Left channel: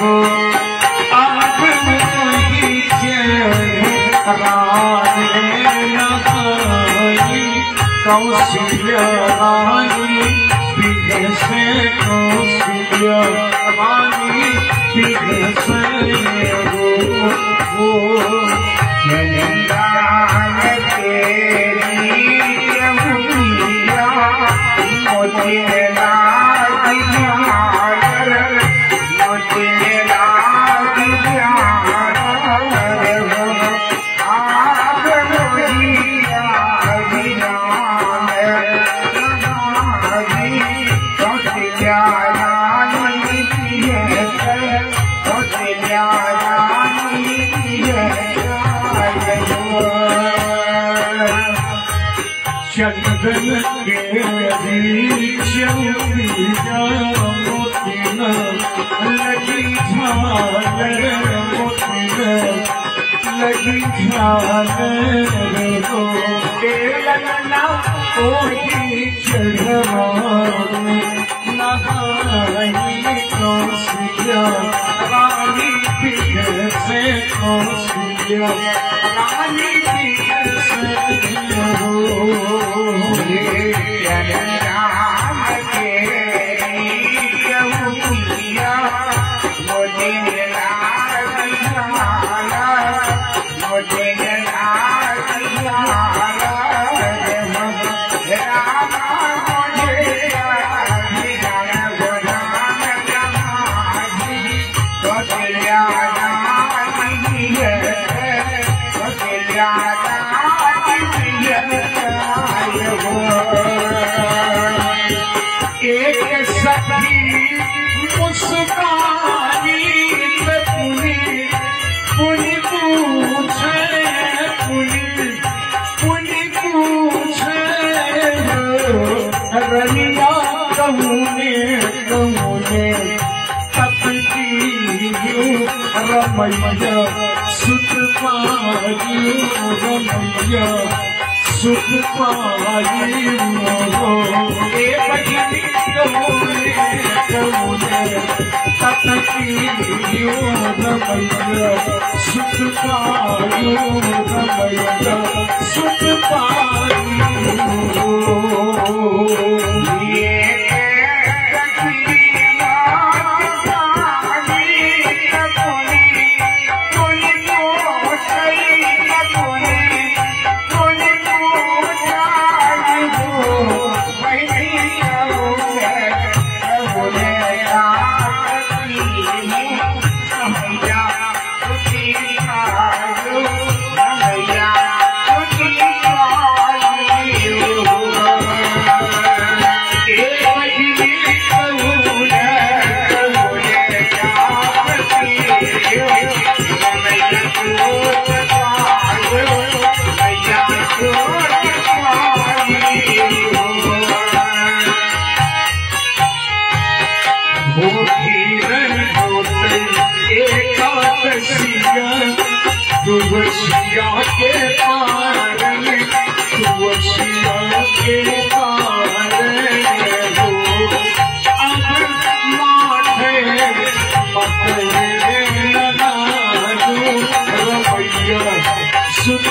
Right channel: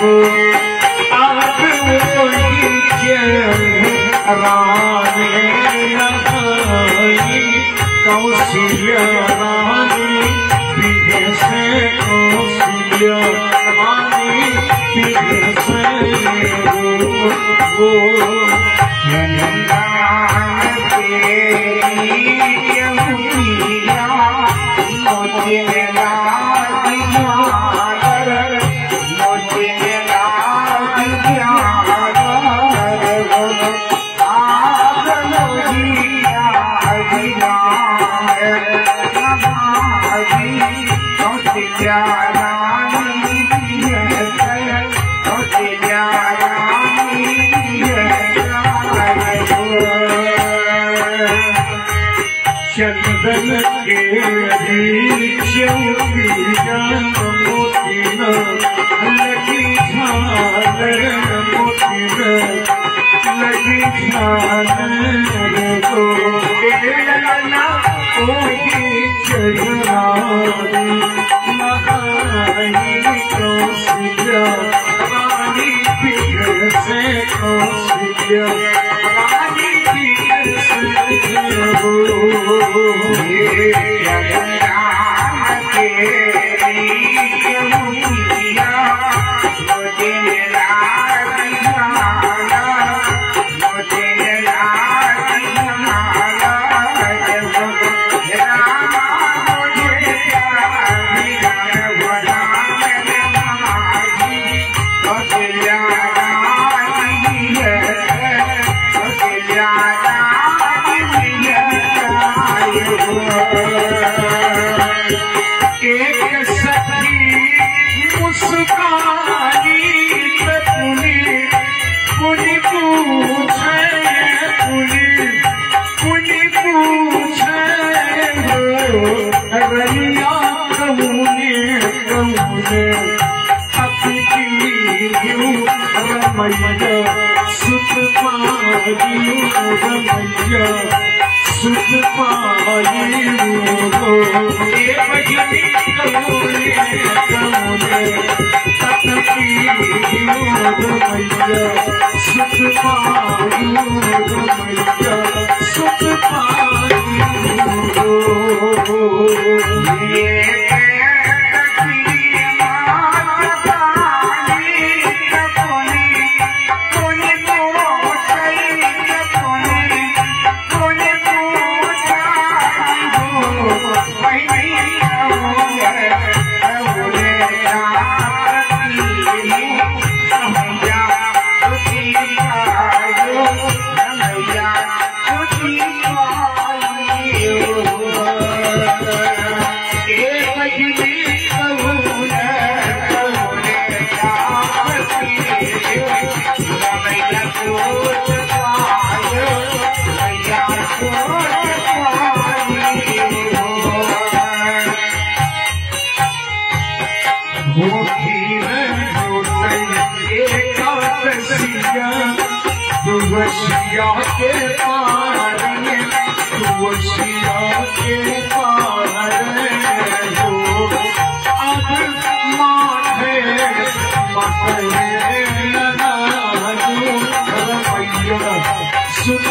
को अब वही रानी कौशिल्या रानी पीढ़े से कौशिल्या रानी पीढ़े से वो चंदन के चौबिया मोतिन लगी झालर मोतिन लगी झालर को लगना कोई चढ़वान नहाई कौशिल्या रानी पीढ़ से कौशिल्या रानी पीढ़ से हो रमैया सुख पाई रमैया सुख पाई हो बजनी कमोने कमोने तपती रमैया सुख पाई रमैया सुख पाई हो तुवसिया के पार तुवसिया के पार हो अब माथे मथे लगायो रमैया सुख